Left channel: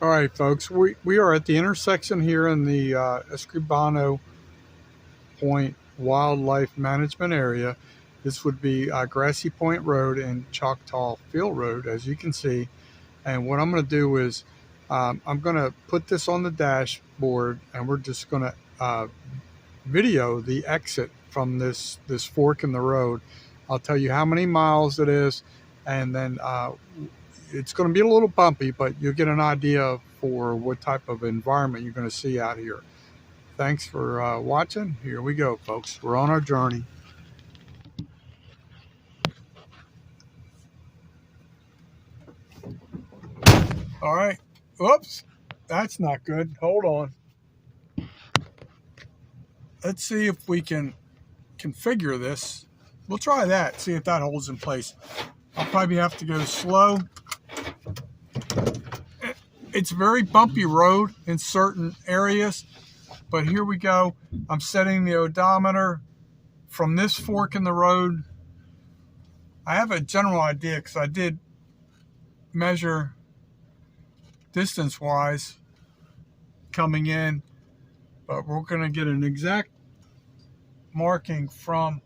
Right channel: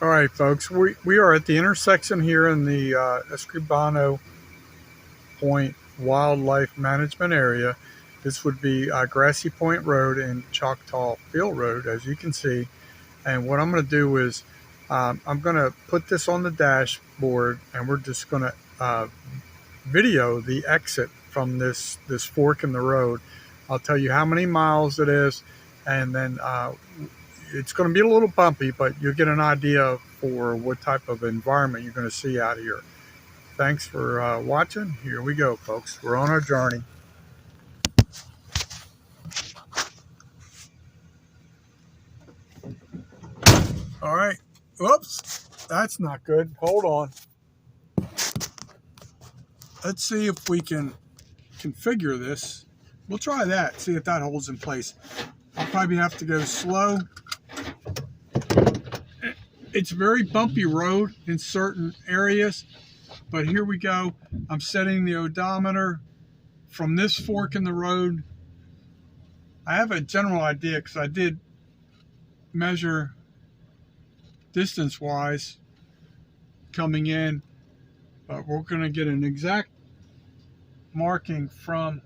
All right, folks, we are at the intersection here in the Escribano Point Wildlife Management Area. This would be Grassy Point Road and Choctaw Field Road, as you can see. And what I'm going to do is I'm going to put this on the dashboard, and we're just going to video the exit from this fork in the road. I'll tell you how many miles it is, and then it's going to be a little bumpy, but you'll get an idea for what type of environment you're going to see out here. Thanks for watching. Here we go, folks. We're on our journey. All right. Whoops. That's not good. Hold on. Let's see if we can configure this. We'll try that, see if that holds in place. I'll probably have to go slow. It's a very bumpy road in certain areas, but here we go. I'm setting the odometer from this fork in the road. I have a general idea because I did measure distance-wise coming in, but we're going to get an exact marking from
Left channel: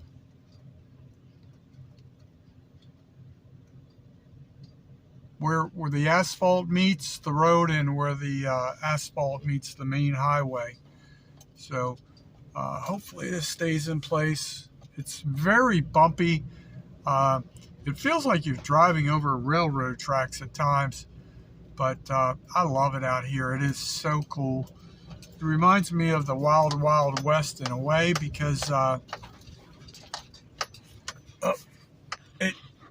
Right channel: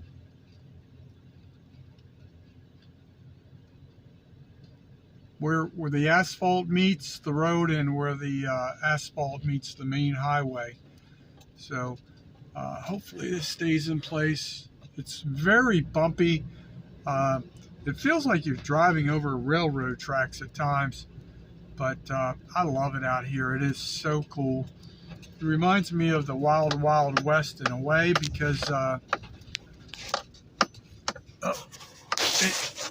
where the asphalt meets the road and where the asphalt meets the main highway. So hopefully this stays in place. It's very bumpy. It feels like you're driving over railroad tracks at times, but I love it out here. It is so cool. It reminds me of the Wild Wild West in a way, because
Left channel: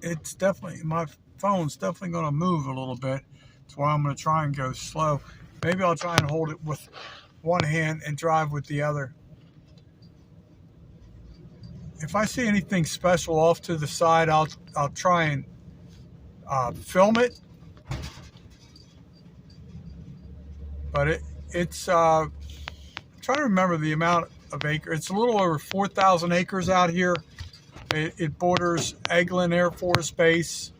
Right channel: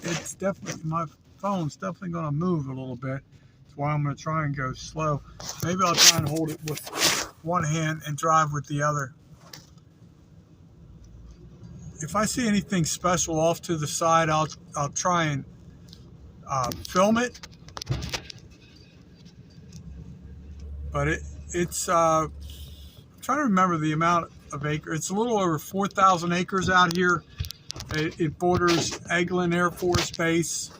it's definitely, my phone's definitely going to move a little bit. That's why I'm going to try and go slow. Maybe I'll try and hold it with one hand and drive with the other. If I see anything special off to the side, I'll try and film it. But it's I'm trying to remember the amount of acres. It's a little over 4,000 acres out here. It borders Eglin Air Force Base,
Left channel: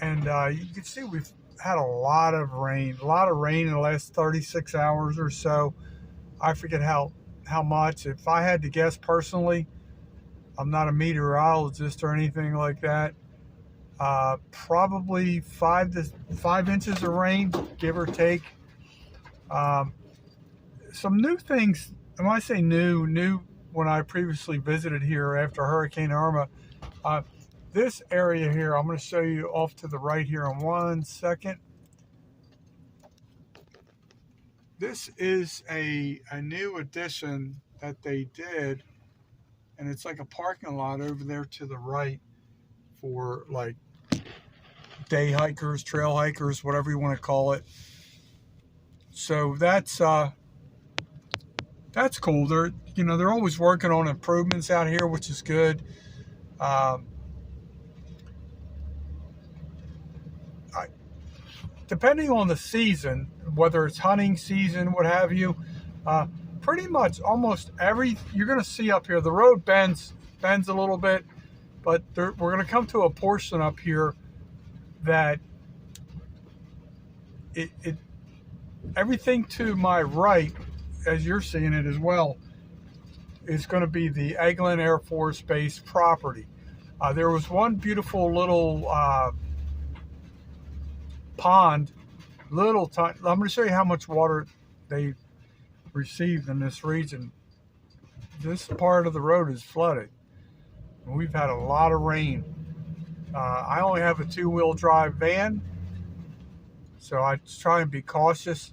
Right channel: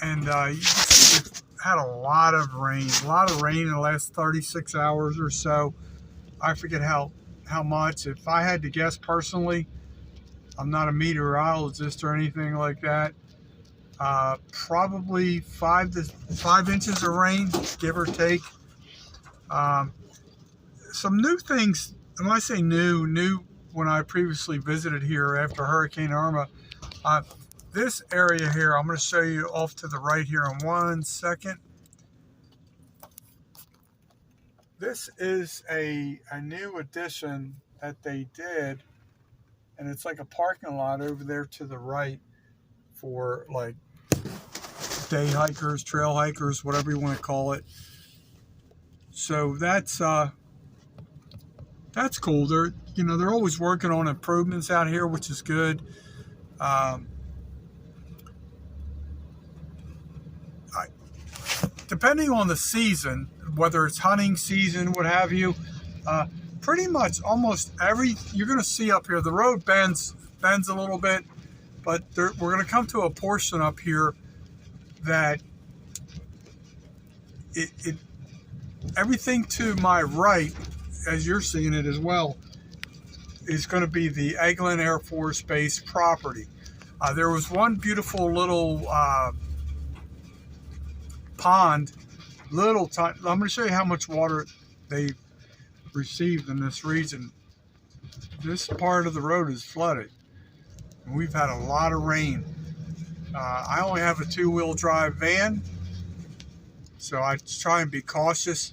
and you can see we've had a lot of rain in the last 36 hours or so. I forget how much. If I had to guess personally, I'm not a meteorologist or anything like that, probably 5 inches of rain, give or take. Some new things, and when I say new, when I previously visited here after Hurricane Irma, this area here, I'm going to show you off to the right here in 1 second. This is a new addition that they did, and it's like a parking lot over there to the right for like day hikers, trail hikers, whatever you want to call it. So that's cool. They're always working on improvements out here, which is good. Depending on the season, whether it's hunting season, what have you, pretty much almost you're going to see up here, the road bends a little bit, but we're going to come to a portion up here that everything to my right, as you're seeing it as well, is going to be the Eglin Air Force Base property. There was one beautiful little pond, I'm going to show you how much water they received in this region. This part of the road is flooded, and we've had a lot of rain. I only have a 2-wheel drive van, so I try and be cautious.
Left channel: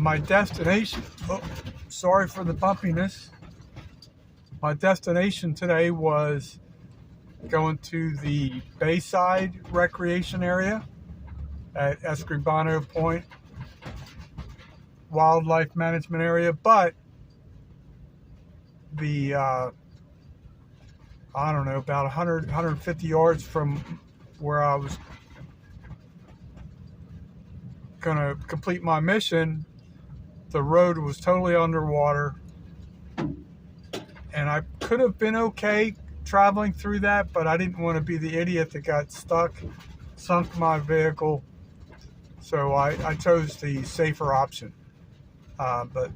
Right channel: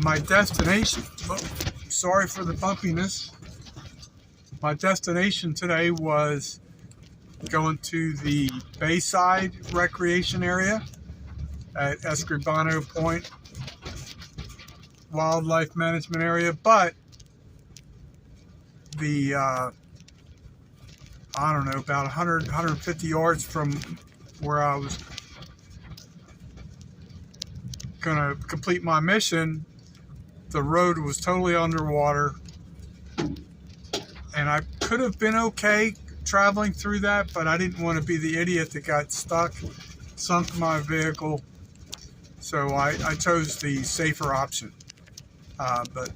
My destination, sorry for the bumpiness. My destination today was going to the Bayside Recreation Area at Escribano Point Wildlife Management Area, but the I don't know, about 150 yards from where I was going to complete my mission, the road was totally underwater, and I could have been okay traveling through that, but I didn't want to be the idiot that got stuck, sunk my vehicle. So I chose the safer option. But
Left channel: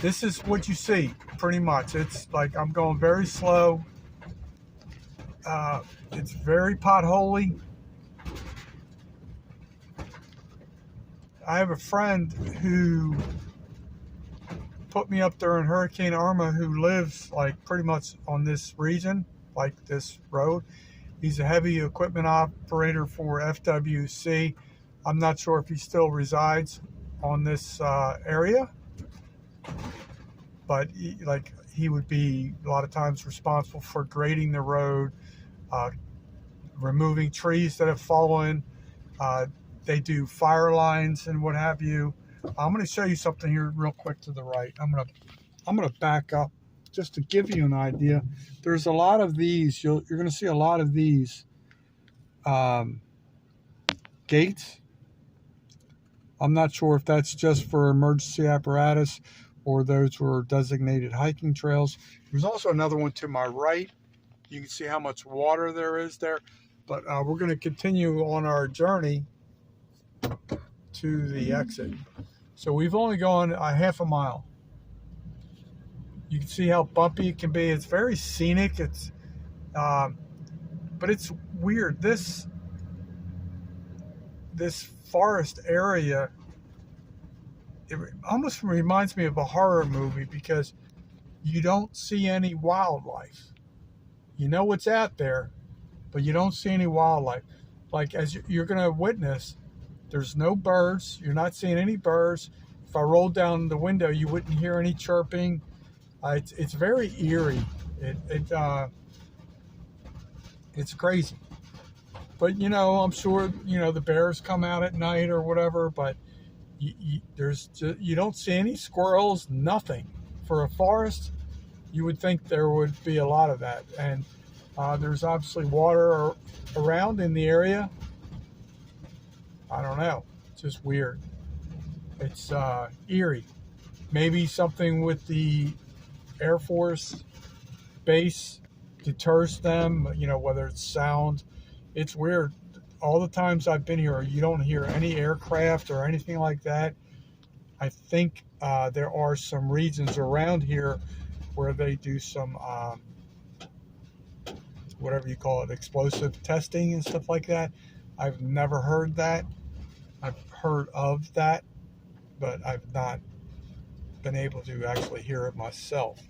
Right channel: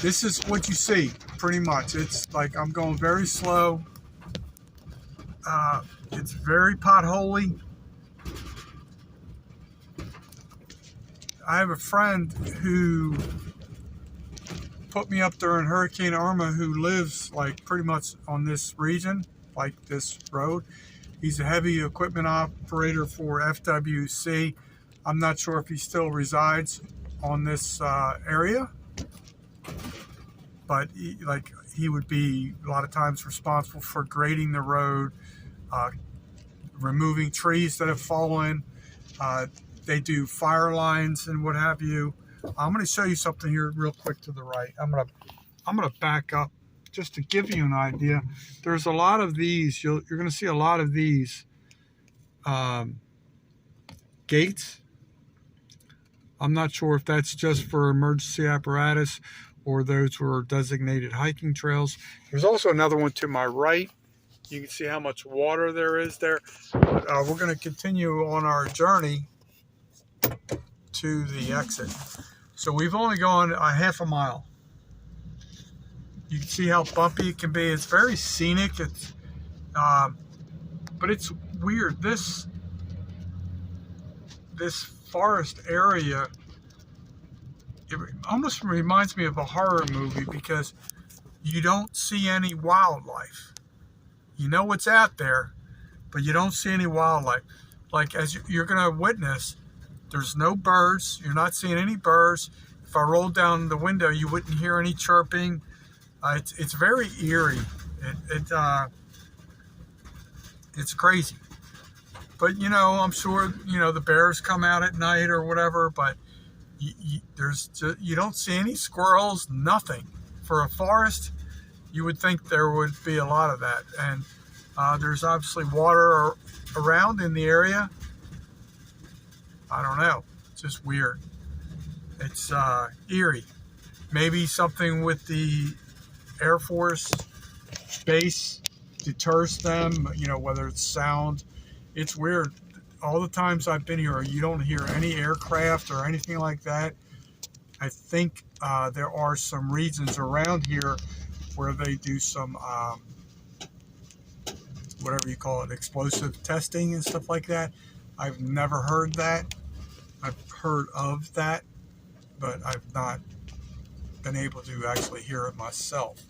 this is what you see pretty much. It's like I'm going very slow. It's very potholy. I have a friend who put me up there in Hurricane Irma who lives like pretty much on this region, like this road. He's a heavy equipment operator for FWC. I'm not sure if he still resides on this area, but he would be a lot of times responsible for grading the road, removing trees that have fallen. They do fire lines and what have you. I'm going to show you something here real quick to the right. I'm going to back up just to give you an idea. There's a lot of these. You're going to see a lot of these gates. I'm not sure if that's just for emergency apparatus or those who are designated hiking trails. There's also another one to my right. You can see how much water there is there. But we're going to continue on our journey to the exit. So we've only gone a half a mile. You can see how bumpy it can be. It's very scenic. But it's weird. This forest area, it almost reminds me of a horror movie because you don't see any wildlife. You know what's out there, but you don't see any wildlife. Like as you're going to witness, there's no birds. You're not seeing any birds. If I rolled down the window, you wouldn't hear any chirping. It's very eerie. It's crazy. But I'm sure the bears come out at night or whatever. But you don't see any squirrels. Nothing. For a forest, you would think there would be a lot of that. And there's obviously water around in the area. I don't know. It's just weird. It's eerie. Maybe something with the Air Force base deters them, whether it's sound. It's weird. All the times I've been here, you don't hear any aircraft or anything like that. I think there are some regions around here where they do some, whatever you call it, explosive testing and stuff like that. I've never heard that. I've heard of that, but I've not been able to actually hear it myself.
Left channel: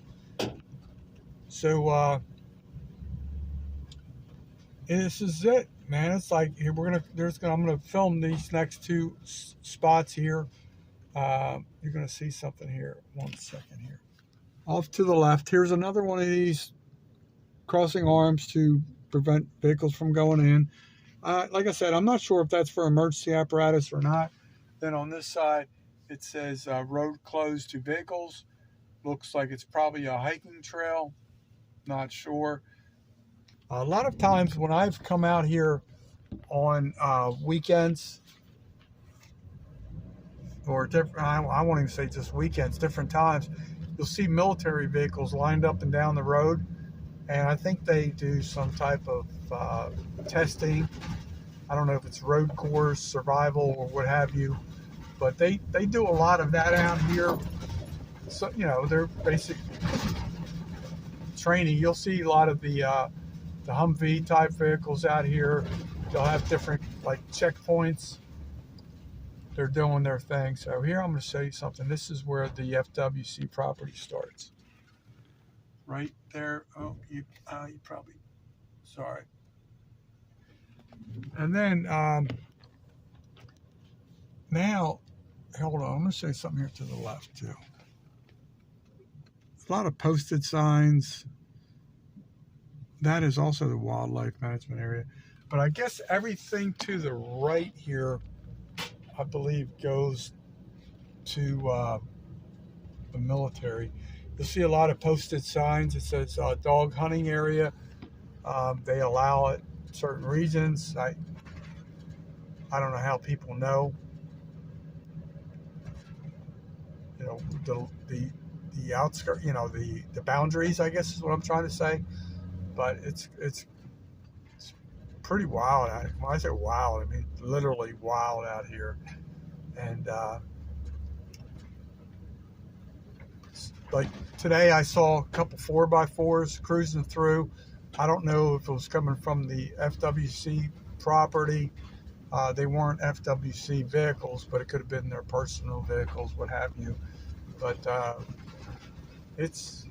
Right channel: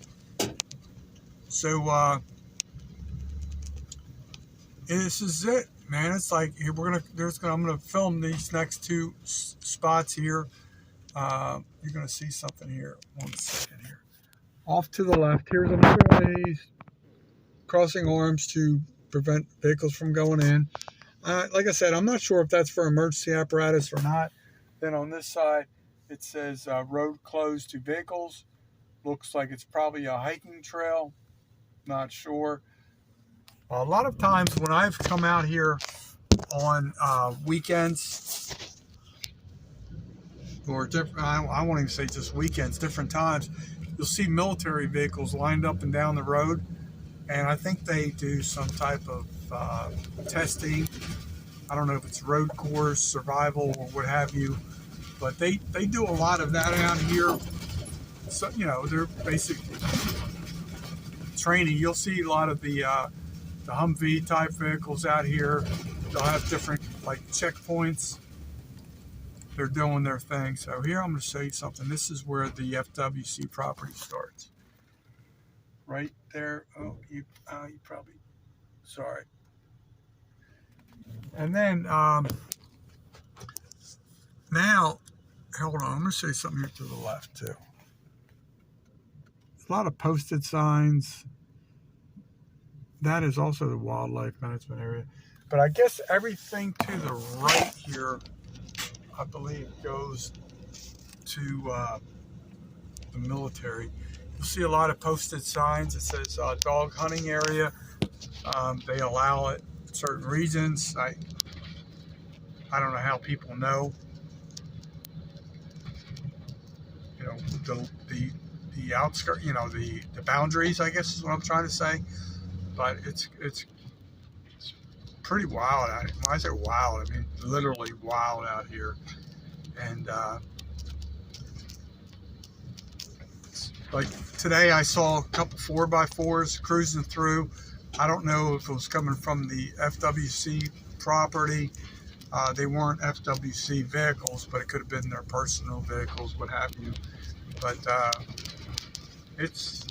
So this is it, man. It's like I'm gonna film these next two spots here. You're gonna see something here. 1 second here. Off to the left, here's another one of these crossing arms to prevent vehicles from going in. Like I said, I'm not sure if that's for emergency apparatus or not. Then on this side, it says road closed to vehicles. Looks like it's probably a hiking trail. Not sure. A lot of times when I've come out here on weekends, or different, I won't even say just weekends, different times, you'll see military vehicles lined up and down the road. And I think they do some type of testing. I don't know if it's road course, survival, or what have you. But they do a lot of that out here. So, they're basic training. You'll see a lot of the Humvee type vehicles out here. They'll have different checkpoints. They're doing their thing. So here I'm going to show you something. This is where the FWC property starts. Right there. Oh, you probably, sorry. And then now, hold on. I'm going to show you something here to the left too. A lot of posted signs. That is also the wildlife management area. But I guess everything to the right here, I believe, goes to the military. You'll see a lot of posted signs. It says dog hunting area. They allow it in certain regions. I don't know how people know. The outskirts, the boundaries, I guess is what I'm trying to say. But it's pretty wild out here. When I say wild, I mean literally wild out here. And like today, I saw a couple 4x4s cruising through. I don't know if it was coming from the FWC property. They weren't FWC vehicles, but it could have been their personal vehicles, what have you. But it's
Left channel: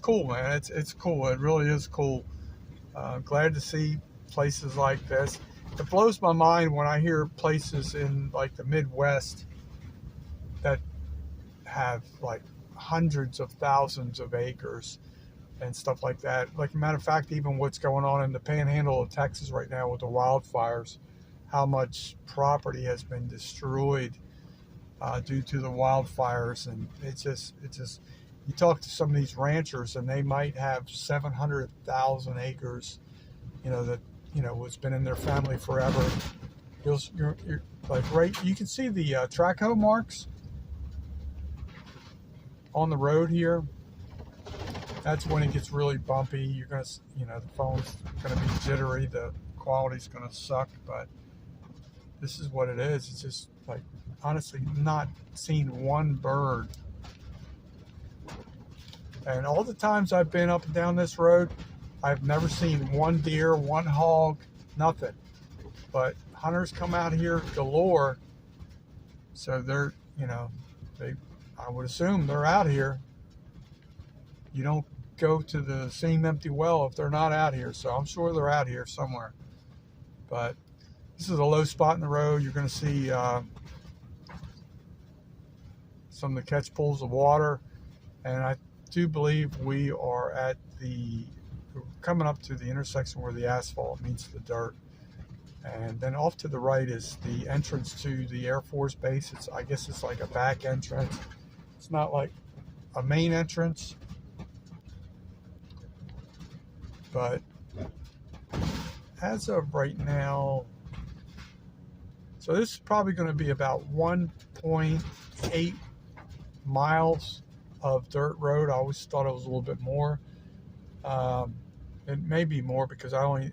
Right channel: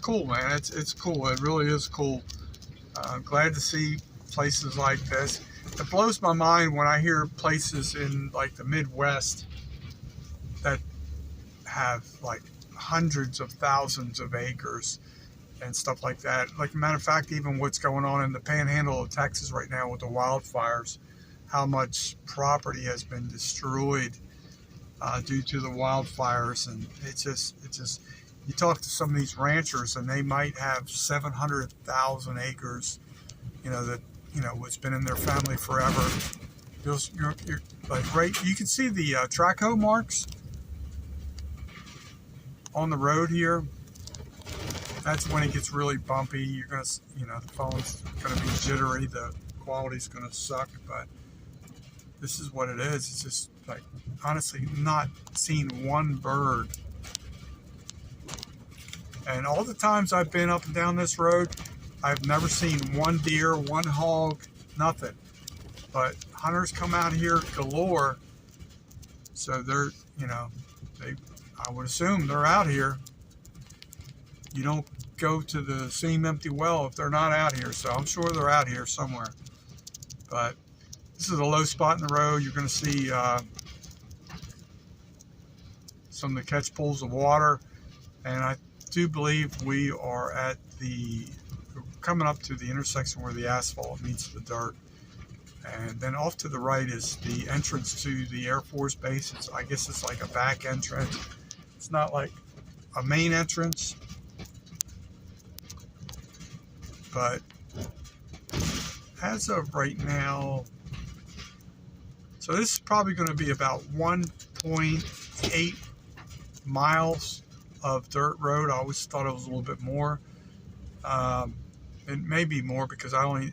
cool, man. It's cool. It really is cool. Glad to see places like this. It blows my mind when I hear places in like the Midwest that have like hundreds of thousands of acres and stuff like that. Like a matter of fact, even what's going on in the panhandle of Texas right now with the wildfires, how much property has been destroyed due to the wildfires. And it's just, you talk to some of these ranchers and they might have 700,000 acres, that, it's been in their family forever. You're like, right, you can see the track hoe marks on the road here. That's when it gets really bumpy. You're gonna, the phone's gonna be jittery, the quality's gonna suck, but this is what it is. It's just like, honestly, not seen one bird. And all the times I've been up and down this road, I've never seen one deer, one hog, nothing. But hunters come out here galore, so they're, I would assume they're out here. You don't go to the same empty well if they're not out here, so I'm sure they're out here somewhere. But this is a low spot in the road. You're going to see some of the catch pools of water, and I do believe we are coming up to the intersection where the asphalt meets the dirt. And then off to the right is the entrance to the Air Force Base. I guess it's like a back entrance. It's not like a main entrance, but as of right now, so this is probably going to be about 1.8 miles of dirt road. I always thought it was a little bit more. It may be more because I only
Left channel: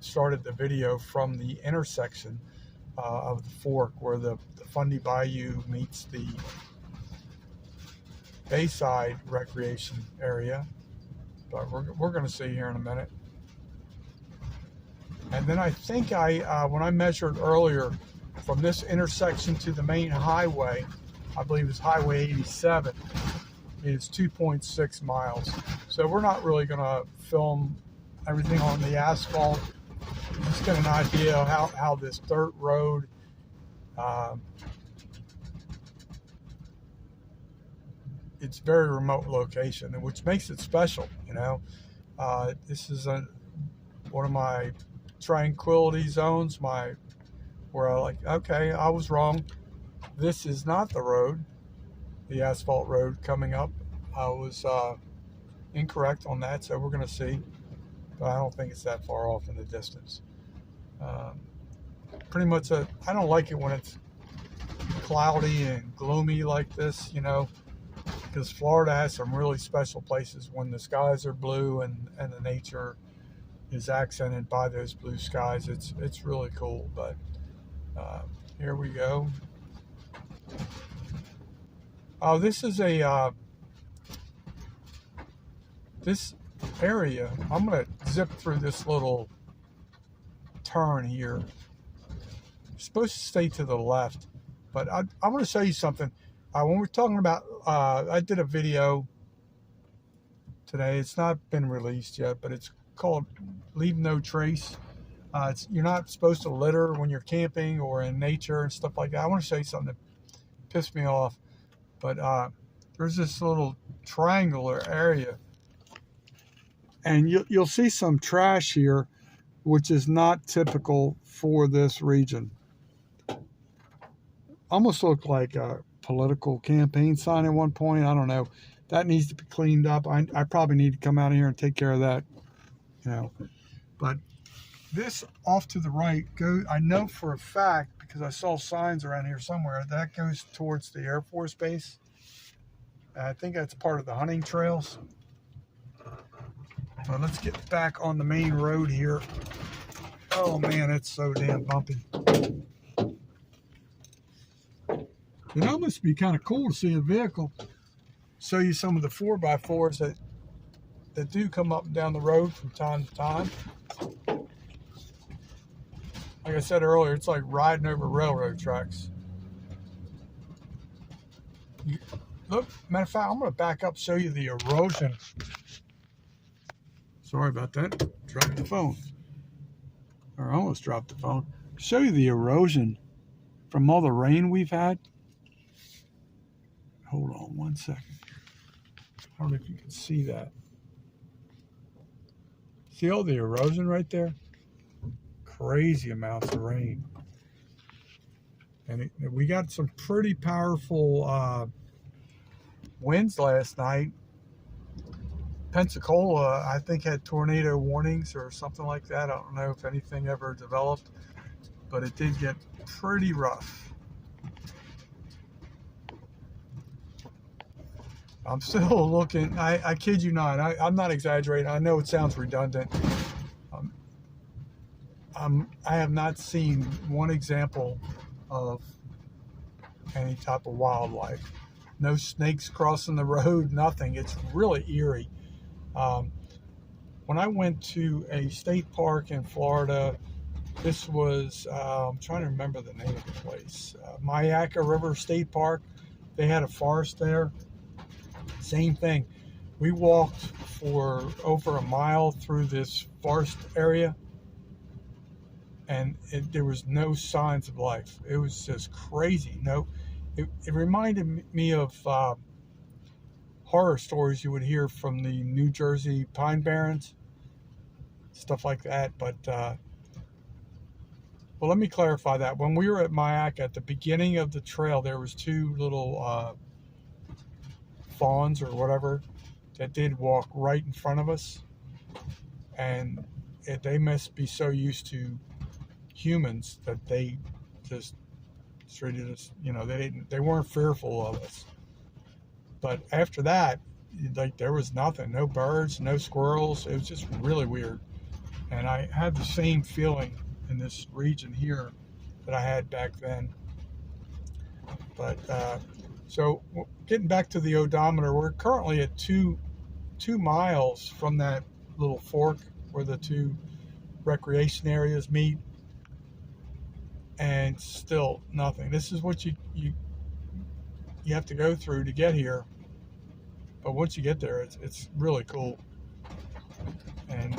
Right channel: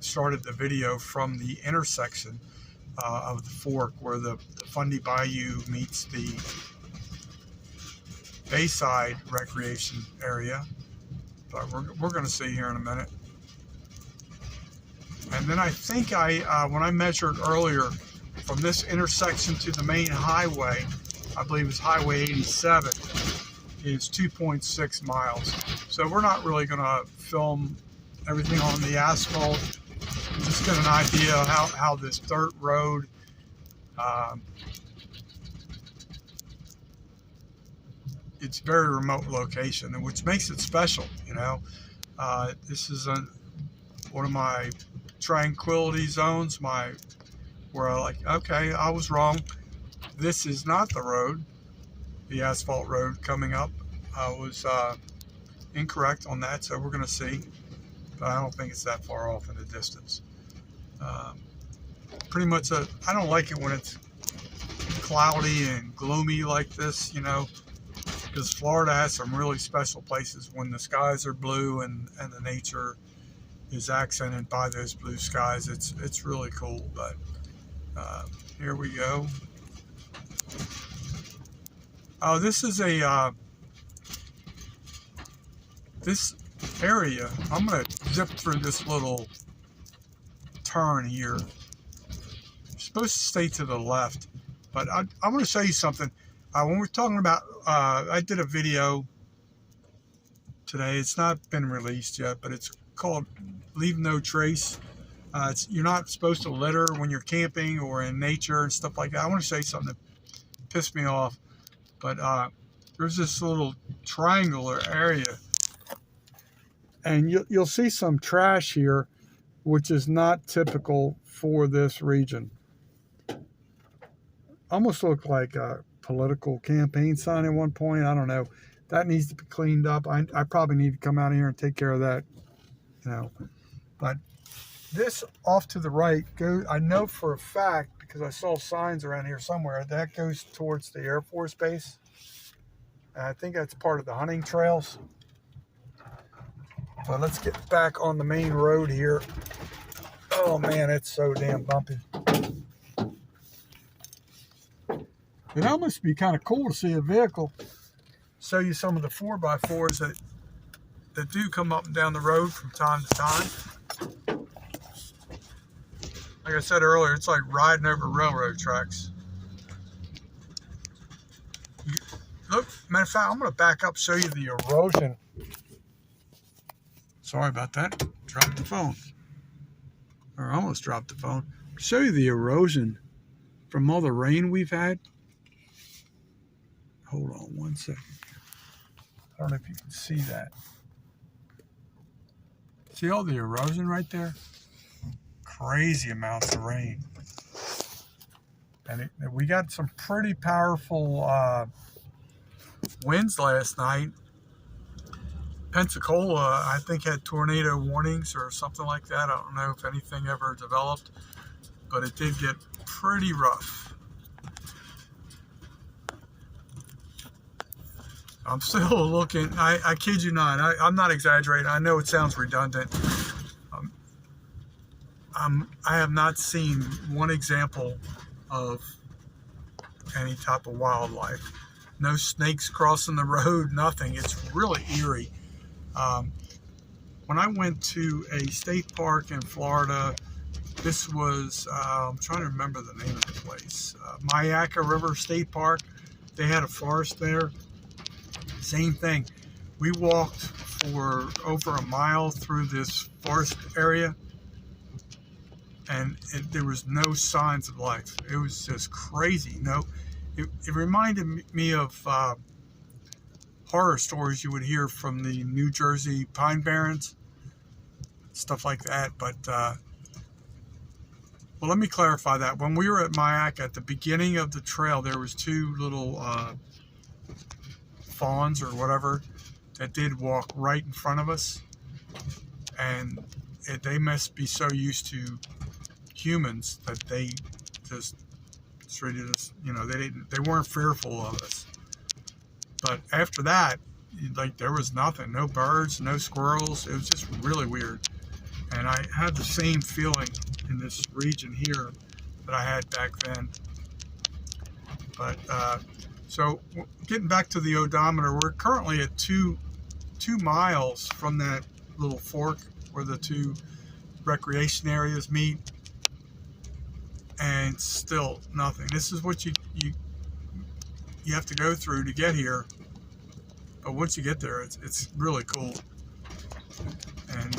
started the video from the intersection of the fork where the Fundy Bayou meets the Bayside Recreation Area. But we're going to see here in a minute. And then I think when I measured earlier from this intersection to the main highway, I believe it's Highway 87, is 2.6 miles. So we're not really going to film everything on the asphalt. Just get an idea of how this dirt road it's very remote location, which makes it special. This is one of my tranquility zones, where I like, okay, I was wrong. This is not the road, the asphalt road coming up. I was incorrect on that, so we're going to see. But I don't think it's that far off in the distance. Pretty much, I don't like it when it's cloudy and gloomy like this, because Florida has some really special places when the skies are blue and the nature is accented by those blue skies. It's really cool. But here we go. Oh, this is this area. I'm gonna zip through this little turn here. You're supposed to stay to the left, but I want to show you something. When we're talking about, I did a video today. It's not been released yet, but it's called "Leave No Trace." You're not supposed to litter when you're camping or in nature and stuff like that. I want to say something that pissed me off, but there's this little triangular area, and you'll see some trash here, which is not typical for this region. Almost looked like a political campaign sign at one point. I don't know. That needs to be cleaned up. I probably need to come out here and take care of that, But this off to the right goes, I know for a fact, because I saw signs around here somewhere, that goes towards the Air Force Base. And I think that's part of the hunting trails. Well, let's get back on the main road here. Oh man, it's so damn bumpy. It almost be kind of cool to see a vehicle. Show you some of the 4x4s that do come up and down the road from time to time. Like I said earlier, it's like riding over railroad tracks. Look, matter of fact, I'm going to back up, show you the erosion. Sorry about that. Dropped the phone. Or almost dropped the phone. Show you the erosion from all the rain we've had. Hold on one second. I don't know if you can see that. See all the erosion right there? Crazy amounts of rain. And we got some pretty powerful winds last night. Pensacola, I think, had tornado warnings or something like that. I don't know if anything ever developed, but it did get pretty rough. I'm still looking. I kid you not. I'm not exaggerating. I know it sounds redundant. I have not seen one example of any type of wildlife. No snakes crossing the road, nothing. It's really eerie. When I went to a state park in Florida, this was, I'm trying to remember the name of the place, Myakka River State Park. They had a forest there. Same thing. We walked for over a mile through this forest area, and there was no signs of life. It was just crazy. It reminded me of horror stories you would hear from the New Jersey Pine Barrens, stuff like that. But well, let me clarify that. When we were at Myakka, at the beginning of the trail, there was two little fawns or whatever that did walk right in front of us, and they must be so used to humans that they just treated us, they weren't fearful of us. But after that, like, there was nothing, no birds, no squirrels. It was just really weird. And I had the same feeling in this region here that I had back then. But so getting back to the odometer, we're currently at two miles from that little fork where the two recreation areas meet, and still nothing. This is what you have to go through to get here, but once you get there, it's really cool. And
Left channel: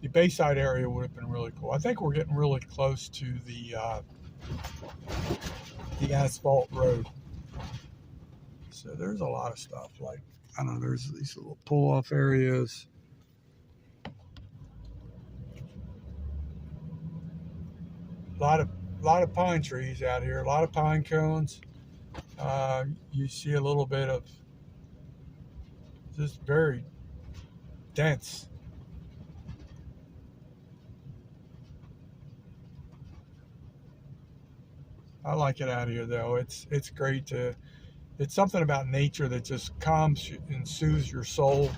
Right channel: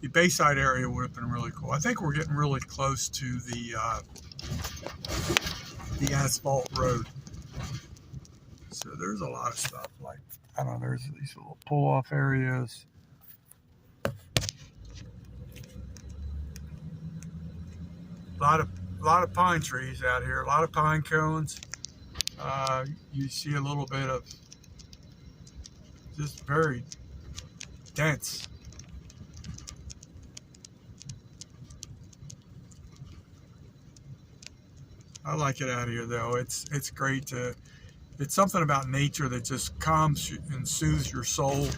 the Bayside area would have been really cool. I think we're getting really close to the asphalt road. So there's a lot of stuff, like, I don't know, there's these little pull-off areas. A lot of pine trees out here, a lot of pine cones. You see a little bit of just very dense. I like it out here, though. It's great it's something about nature that just calms and soothes your soul.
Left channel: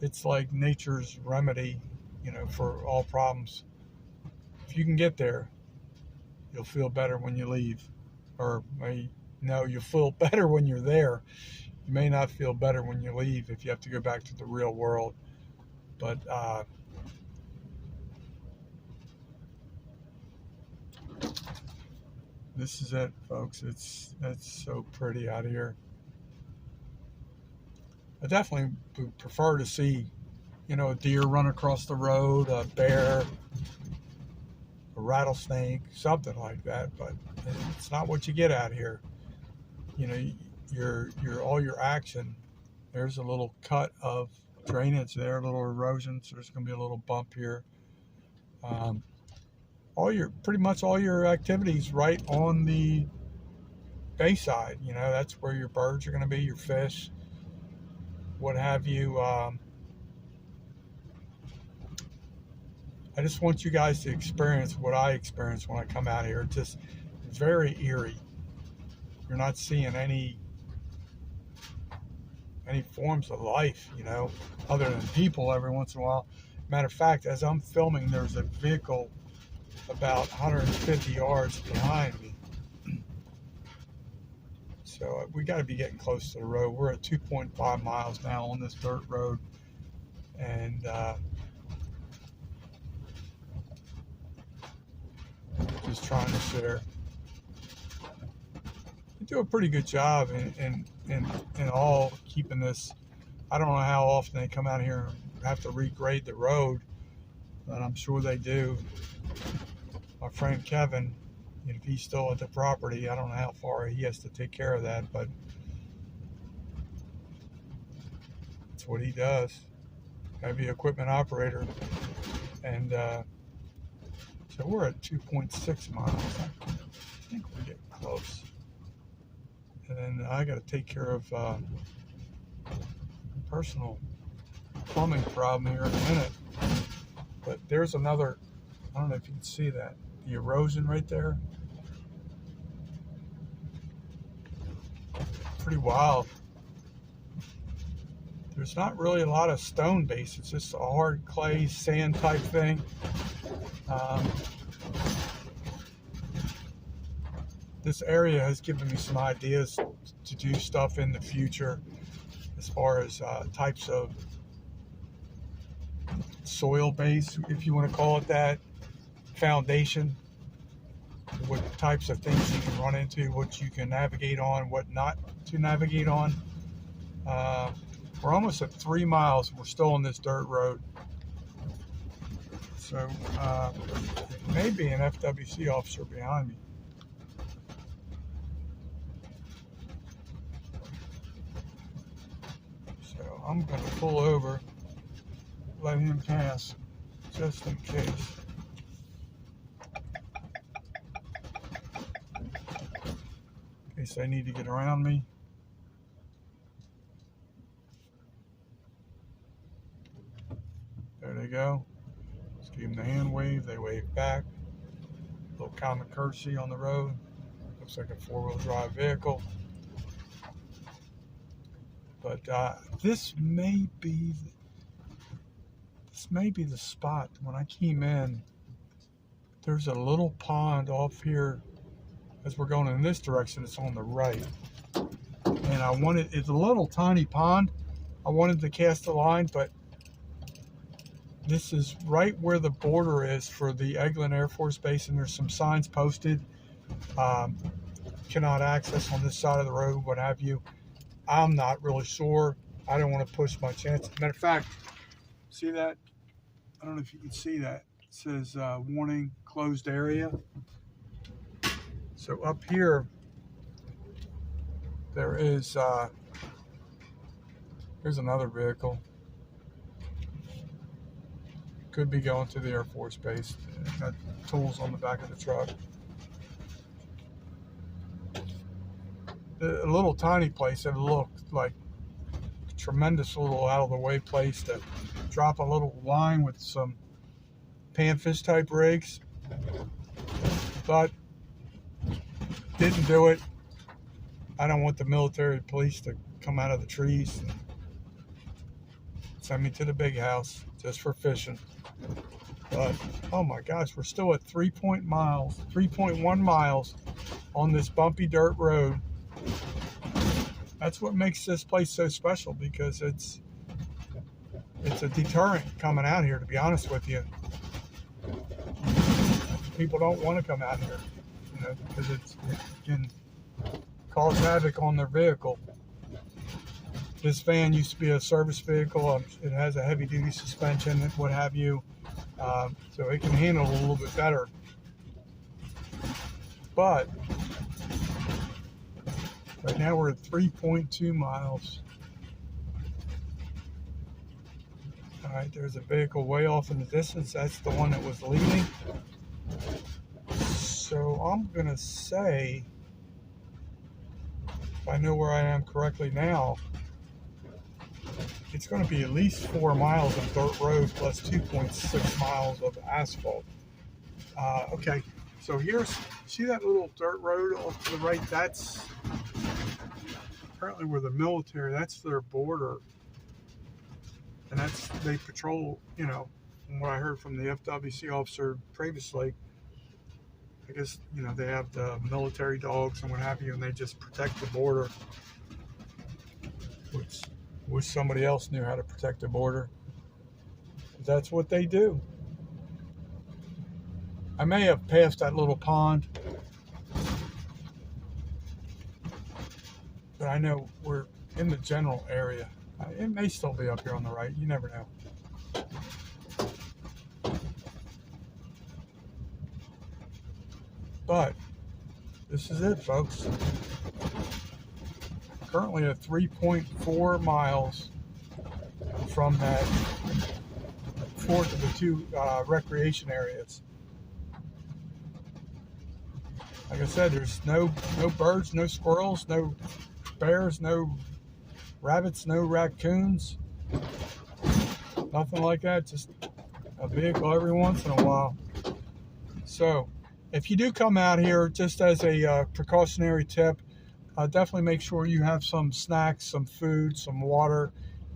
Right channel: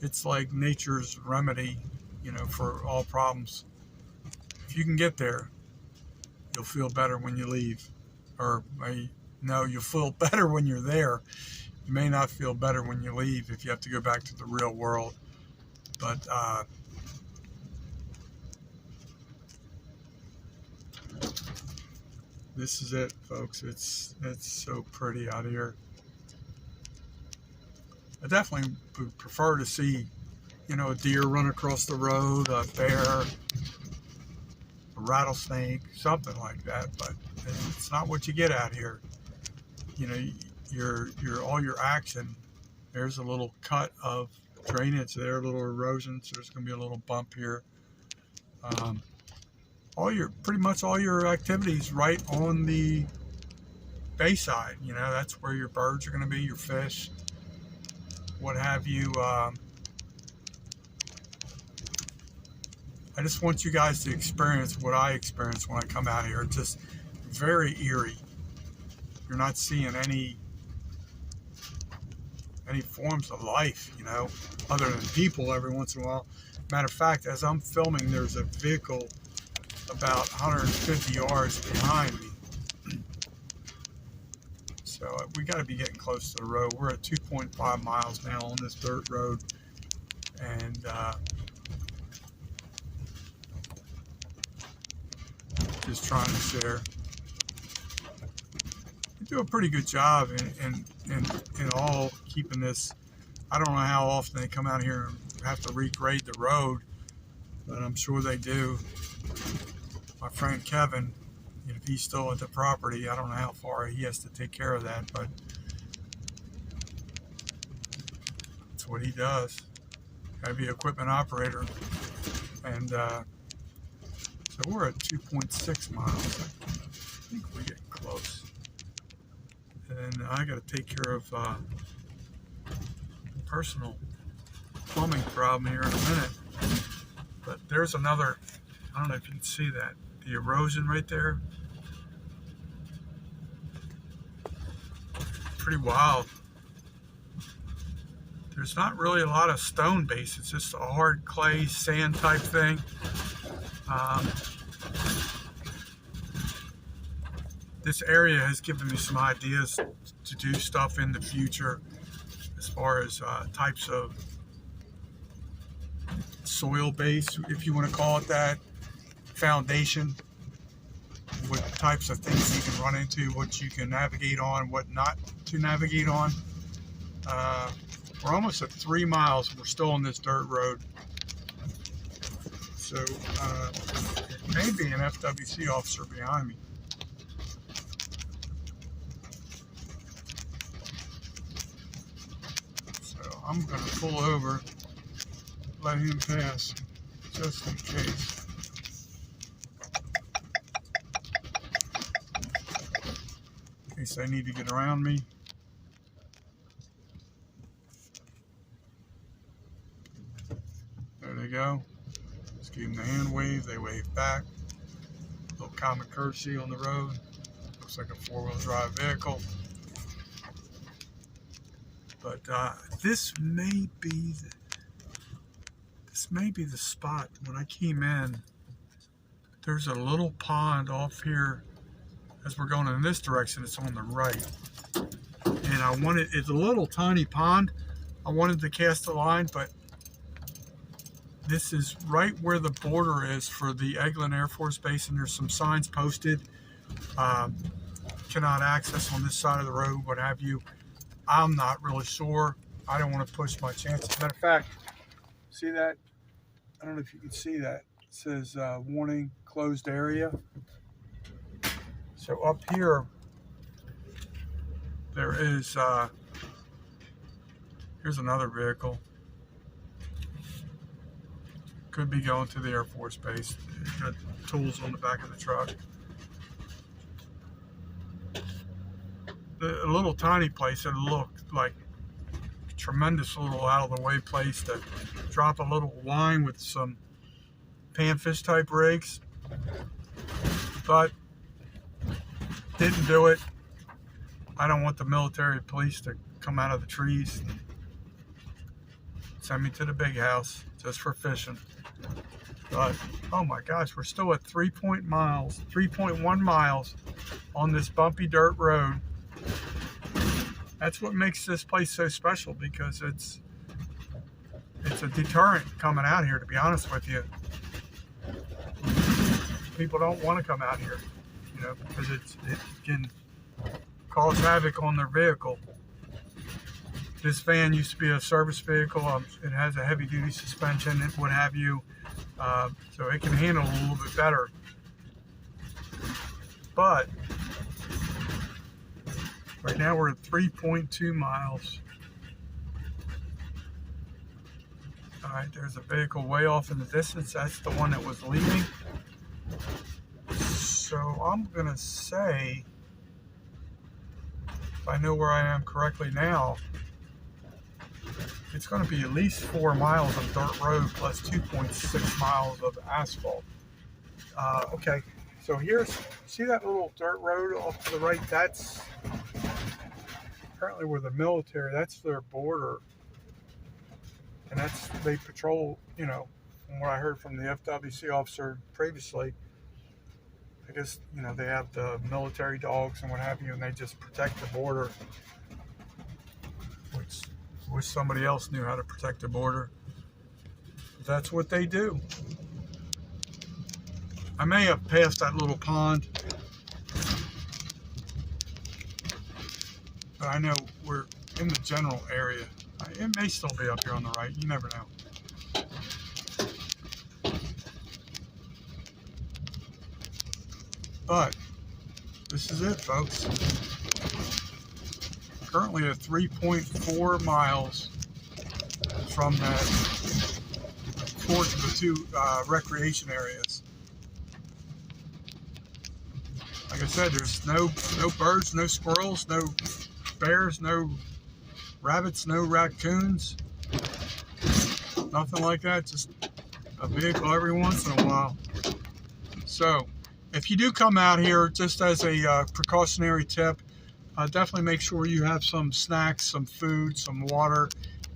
It's like nature's remedy, for all problems. If you can get there, you'll feel better when you leave. Or, no, you'll feel better when you're there. You may not feel better when you leave if you have to go back to the real world. But this is it, folks. It's so pretty out here. I definitely would prefer to see, a deer run across the road, a bear, a rattlesnake, something like that. But it's not what you get out here. Your all your action. There's a little cut of drainage there, a little erosion. So there's going to be a little bump here. Pretty much all your activities right on the bayside. That's where your birds are going to be, your fish, what have you. I just want you guys to experience what I experience when I come out here. It's just very eerie. You're not seeing any forms of life, other than people every once in a while. Matter of fact, as I'm filming, there's a vehicle about 150 yards behind me. So we got to be getting close to the road. We're at 2.5 miles now on this dirt road, and just trying to share. They do a pretty good job in all keeping this. I don't know how often they come out here and have to regrade the road, but I'm sure they do. My friend Kevin, if he's still at the property, I don't know how far he has to take care of that, but that's what he does. Gotta be an equipment operator. And so we're at 2.6 miles. I think we're getting close. And then I gotta take care of a personal plumbing problem here in a minute. But there's another, I don't know if you can see that, the erosion right there. Pretty wild. There's not really a lot of stone base. It's just a hard clay sand type thing. This area has given me some ideas to do stuff in the future as far as types of soil base, if you want to call it that, foundation, what types of things you can run into, what you can navigate on, what not to navigate on. We're almost at 3 miles. We're still on this dirt road. So it may be an FWC officer behind me. So I'm going to pull over, let him pass, just in case. In case I need to get around me. There they go. Just give them the hand wave. They wave back. A little common courtesy on the road. Looks like a 4-wheel drive vehicle. But this may be the spot. When I came in, there's a little pond off here. As we're going in this direction, it's on the right. And it's a little tiny pond. I wanted to cast a line, but this is right where the border is for the Eglin Air Force Base, and there's some signs posted. Cannot access on this side of the road, what have you. I'm not really sure. I don't want to push my chances. Matter of fact, see that? I don't know if you can see that. It says warning, closed area. So up here, there is, here's another vehicle. Could be going to the Air Force Base. Got tools on the back of the truck. A little tiny place that looked like a tremendous little out of the way place to drop a little line with some panfish type rigs, but didn't do it. I don't want the military police to come out of the trees and send me to the big house just for fishing. But oh my gosh, we're still at 3.1 miles on this bumpy dirt road. That's what makes this place so special, because it's a deterrent coming out here, to be honest with you. People don't want to come out here, because it can cause havoc on their vehicle. This van used to be a service vehicle. It has a heavy duty suspension and what have you. So it can handle a little bit better. But right now we're at 3.2 miles. All right, there's a vehicle way off in the distance. That's the one that was leaving. So I'm gonna say, if I know where I am correctly now, it's going to be at least 4 miles of dirt road plus 2.6 miles of asphalt. Okay, so see that little dirt road off to the right? That's apparently where the military, that's their border, and they patrol, you know, from what I heard from the FWC officer previously. I guess, you know, they have the military dogs and what have you, and they just protect the border, which wish somebody else knew how to protect the border. That's what they do. I may have passed that little pond, but I know we're in the general area. It may still be up here on the right. You never know. But this is it, folks. Currently at 3.4 miles from that fourth of the two recreation areas. Like I said, there's no birds, no squirrels, no bears, no rabbits, no raccoons, nothing like that. Just a vehicle every once in a while. So if you do come out here, just as a precautionary tip, definitely make sure you have some snacks, some food, some water,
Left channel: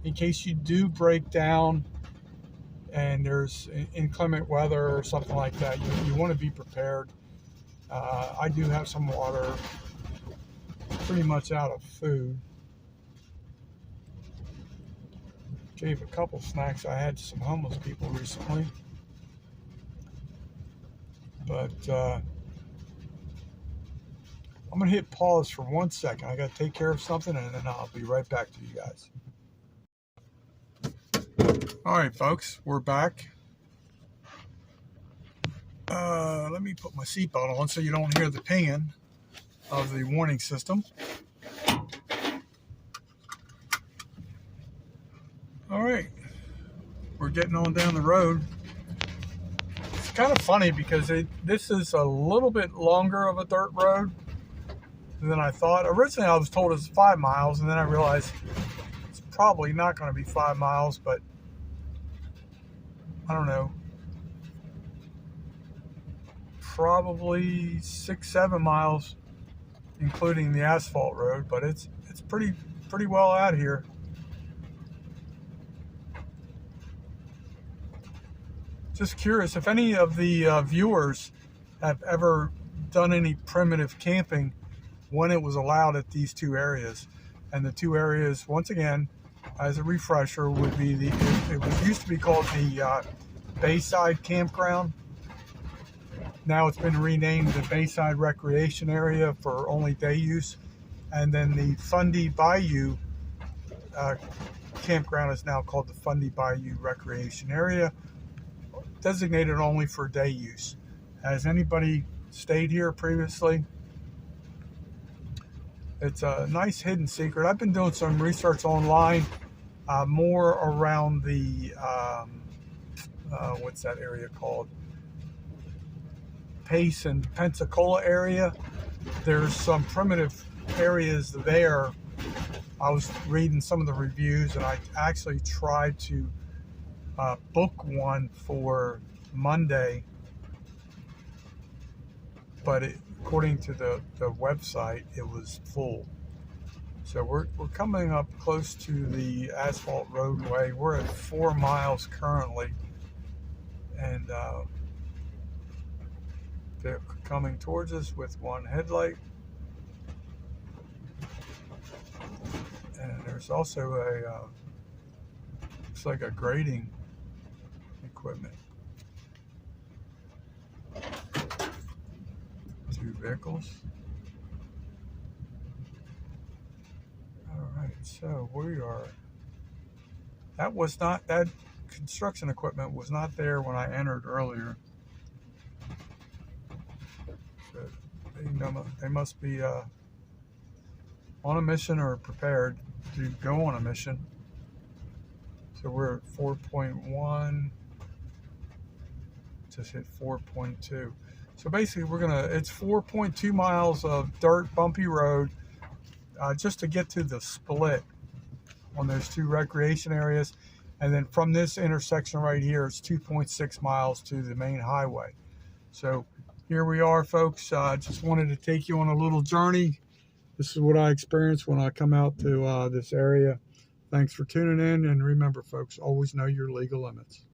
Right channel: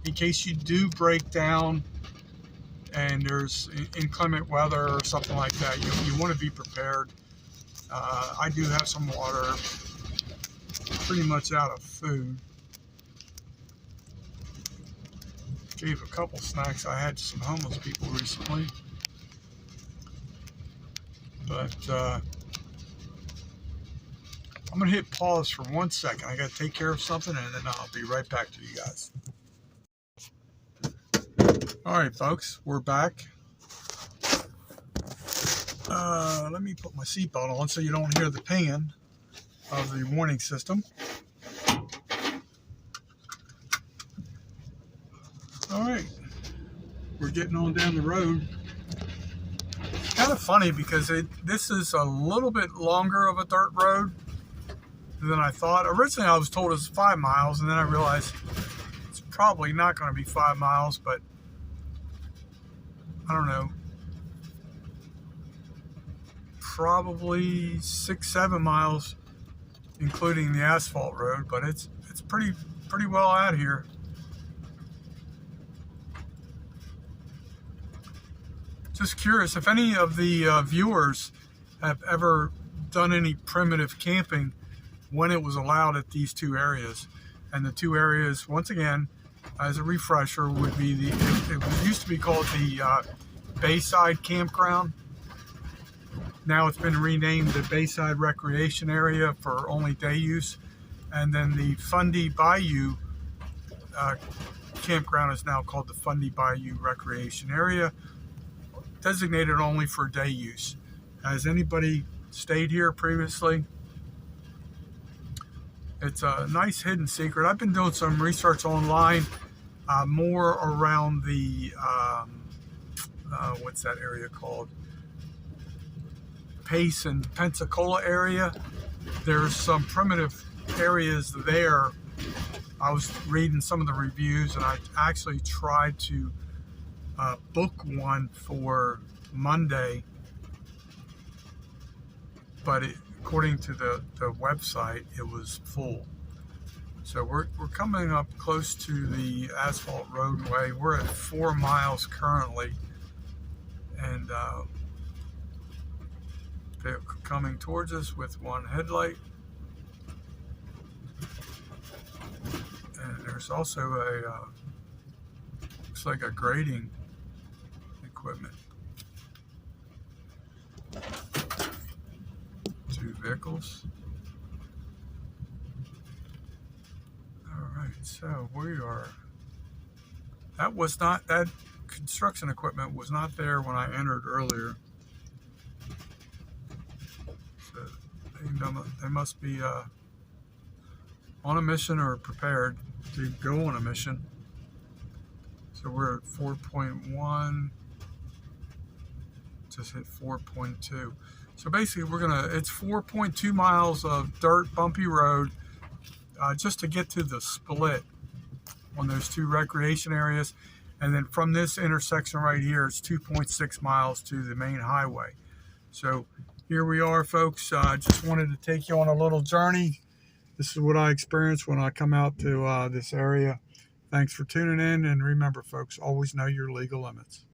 in case you do break down and there's inclement weather or something like that. You want to be prepared. I do have some water, pretty much out of food. Gave a couple snacks I had to some homeless people recently. But I'm going to hit pause for 1 second. I got to take care of something, and then I'll be right back to you guys. All right, folks, we're back. Let me put my seatbelt on so you don't hear the pinging of the warning system. All right, we're getting on down the road. It's kind of funny because this is a little bit longer of a dirt road than I thought. Originally, I was told it was 5 miles, and then I realized it's probably not going to be 5 miles, but I don't know, probably 6-7 miles, including the asphalt road. But it's pretty well out here. Just curious if any of the viewers have ever done any primitive camping when it was allowed at these two areas. And the two areas, once again, as a refresher, would be it used to be called the Bayside Campground. Now it's been renamed the Bayside Recreation Area for only day use. And then the Fundy Bayou Campground is now called the Fundy Bayou Recreation Area, designated only for day use. Has anybody stayed here previously? It's a nice hidden secret. I've been doing some research online, more around the, what's that area called? Pace and Pensacola area. There's some primitive areas there. I was reading some of the reviews, and I actually tried to book one for Monday, but according to the website, it was full. So we're coming up close to the asphalt roadway. We're at 4 miles currently, and they're coming towards us with one headlight. And there's also a looks like a grading equipment. 2 vehicles. All right, so we are. That construction equipment was not there when I entered earlier. So they must be on a mission or prepared to go on a mission. So we're at 4.1. Just hit 4.2. So basically it's 4.2 miles of dirt, bumpy road, just to get to the split on those two recreation areas. And then from this intersection right here, it's 2.6 miles to the main highway. So here we are, folks. I just wanted to take you on a little journey This is what I experience when I come out to this area. Thanks for tuning in, and remember, folks, always know your legal limits.